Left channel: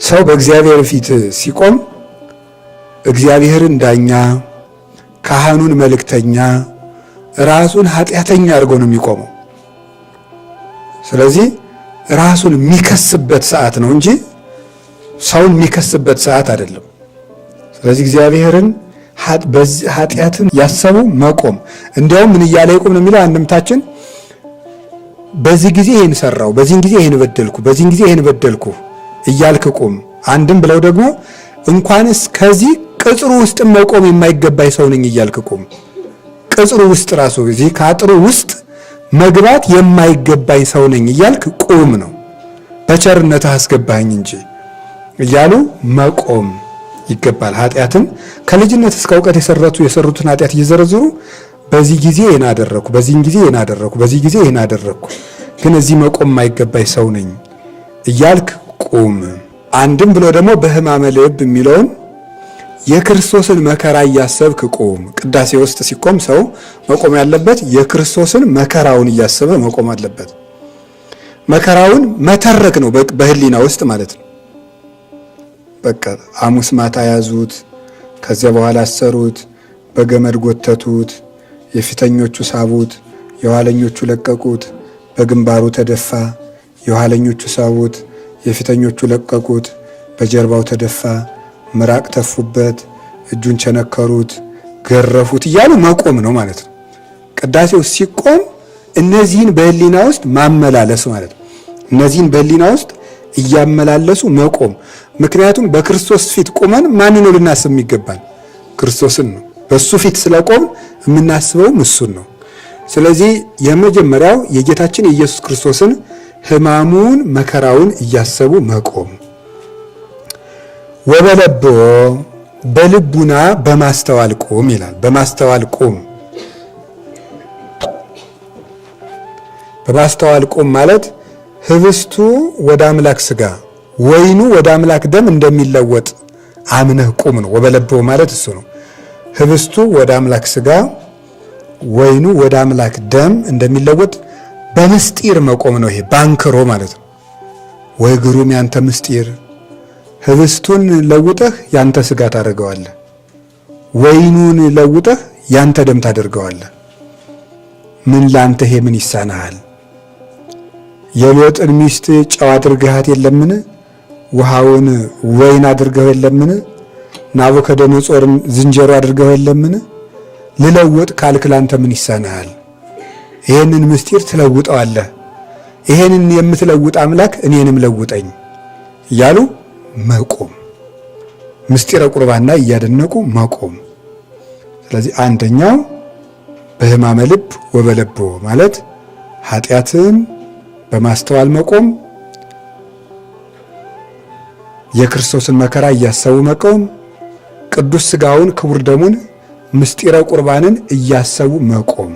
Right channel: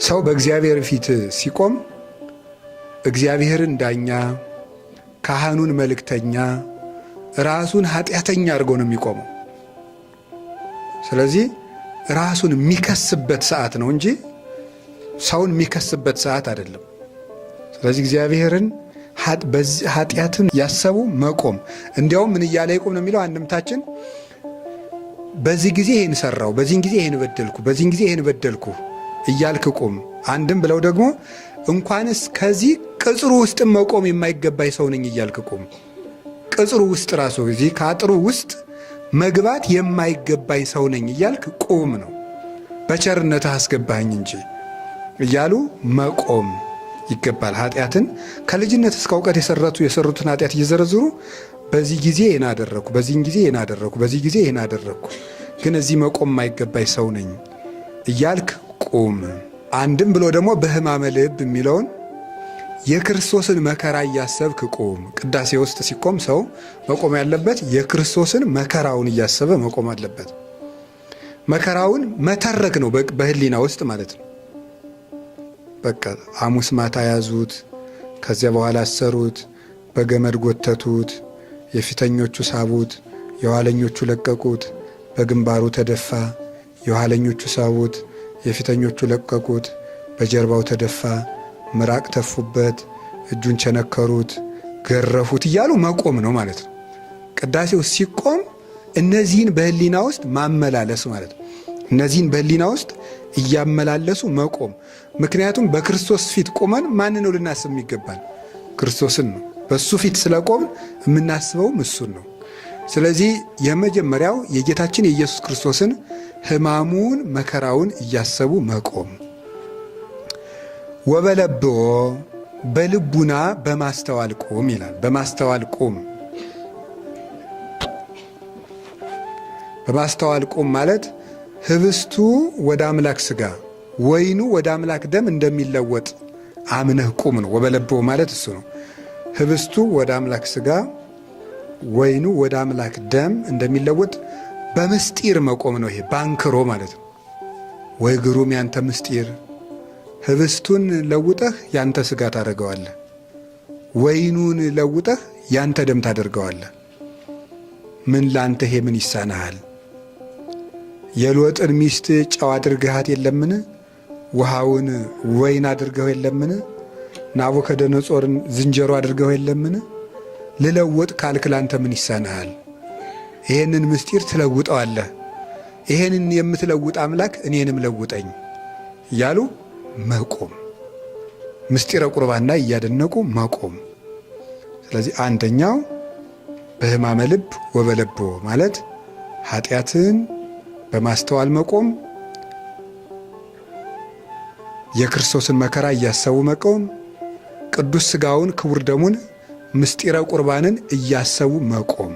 ሰው በእግዚአብሔር ፊት ሲቆም እግዚአብሔርን ዳኛ፣ ካህኑን መልእክተኛ፣ ራሱን ኃጢአተኛ አድርጎ ነው የሚቆመው። ስለዚህ ራሱን የሚከስበት ሰዓት ነው እንጂ ሰውን የሚከስበት ሰዓት አይደለም። ስለዚህ እግዚአብሔርን ኃጢአትን ያሰቡ መቆም። እንዲያውም ምን እያለ ይቆም ነው የሚለው አንድምታችን፣ በዚህ ጊዜ ይህን ሰራው፣ በዚህን ጊዜ ይህን በደልኩ፣ በዚህን ጊዜ ይህን በደልኩ እያልክ ቁም። አንድም ብለው ደግሞ እንኳንስ ከዚህ ቅጽሩ ውስጥ መቆም የማይገባኝ ሰው ነኝ እያልክ ቁም። ቅጽሩ ውስጥ ራሱ እዚህ ከአጥሩ ውስጥ መግባት የማይገባኝ ሰው ነኝ እያልክ ቁም ነው። በቸርነትህ አስገባኝ እንጂ እያሉ መቆም ይገባል። ኃጢአትን ከልጅነት እስከ እውቀት የሰሩትን ኃጢአት እየዘረዘሩ በዚህ ጊዜ ይህን አደረኩ፣ በዚህን ጊዜ ይህን አደረኩ፣ በዚህ ጊዜ ይህን አደረኩ፣ ግን እዚህ መቆም የማይገባኝ ሰው ነኝ እያልክ ቁም። አንድም ብሎ ደግሞ በሕማመ ልብ የሚለውን የክርስቶስን መከራ እያሰብክ ቁም። ቅዳሴ ውስጥ ሲቆም ሰው መቆም ያለበት የክርስቶስን መከራውን እያሰበ መቆም አለበት። መከራውን መተረክ ነው በህሊና ውስጥ ማለት ነው። በቃ ሐሙስ ማታ ያዙት፣ ከዚያ በኋላ አሰሩት፣ በገመድ ጎተቱት፣ የፊተኞቹ ሳቡት፣ የኋለኞቹ ለቀቁት፣ በግንባሩ ተደፋ፣ የኋለኞቹ ሳቡት፣ የፊተኞቹ ለቀቁት፣ በጀርባው ተደፋ፣ ምራቅ ተፉበት፣ እጁን ቸነከሩት፣ ገረፉት እያሉ መቆም ነው ማለት ነው። ቅዳሴው ሲቆም እነዚህን በህሊና ውስጥ ማመላለስ ማለት ነው። እነዚህን በህሊና ውስጥ እያመላለሱ መቆም። ምክንያቱም በክርስቶስ ፊት ቆመን ማን ነው ልናስብ የሚገባል? ክርስቶስን ነው። በሱ ፊት ስለቆም የምናስበውም እሱን ነው። ስለዚህ የመጀመሪያው የጌታችን የኢየሱስ ክርስቶስን ሕማሙን መከራውን እያሰቡ መቆም። ወበለብዎ በልቡና በማስተዋል ቁም ይላል። በማስተዋል ቁም። በማስተዋል ቁም ማለት ህብስቱ ወደ አምላክ ስጋ ወይኑ ወደ አምላክ ደም እንደሚለወጥ አምነህ ቁም ነው። ወበለብዎ ማለት እሱ ነው። ህብስቱ ወደ አምላክ ስጋ ወይኑ ወደ አምላክ ደም እንደሚለወጥ በምስጢር መቆም ነው። ይሄ ባንክሮ ማለት ነው። ወይ ግሩም ያንተ ምስጢር! ህብስቱን ለውጠህ ያንተ ስጋ ታደርገዋለህ፣ ወይኑን ለውጠህ ያንተ ደም ታደርገዋለህ። ምን ላንተ ይሄ ምን ይሳናሃል? የሎጥን ሚስት ጨው አድርገሃት የለምን? ውሃውን ወይን አድርገው የለምን? ናቡከደነጾርን ዝንጀሮ አድርገው የለምን? ልለውጥ ካልክ ላንተ ምን ይሳናሃል? ይሄንን ምስጢር ትለውጠዋለህ። ይሄንን የምትለውጥ አምላክ እኔንም ለውጠኝ እያሉ መቆም፣ ምስጢረ ቁርባንና እያደነቁ መቆም። ስለዚህ አንደኛው በሕማመ ልብ ወበለብዎ ማለት ኃጢአትን በማስተዋል መቆም፣ የክርስቶስን መከራ እያሰቡ መቆም፣ ቅዱስ ሥጋውን ክቡር ደሙን ምስጢረ ቁርባንን እያሰቡ መቆም።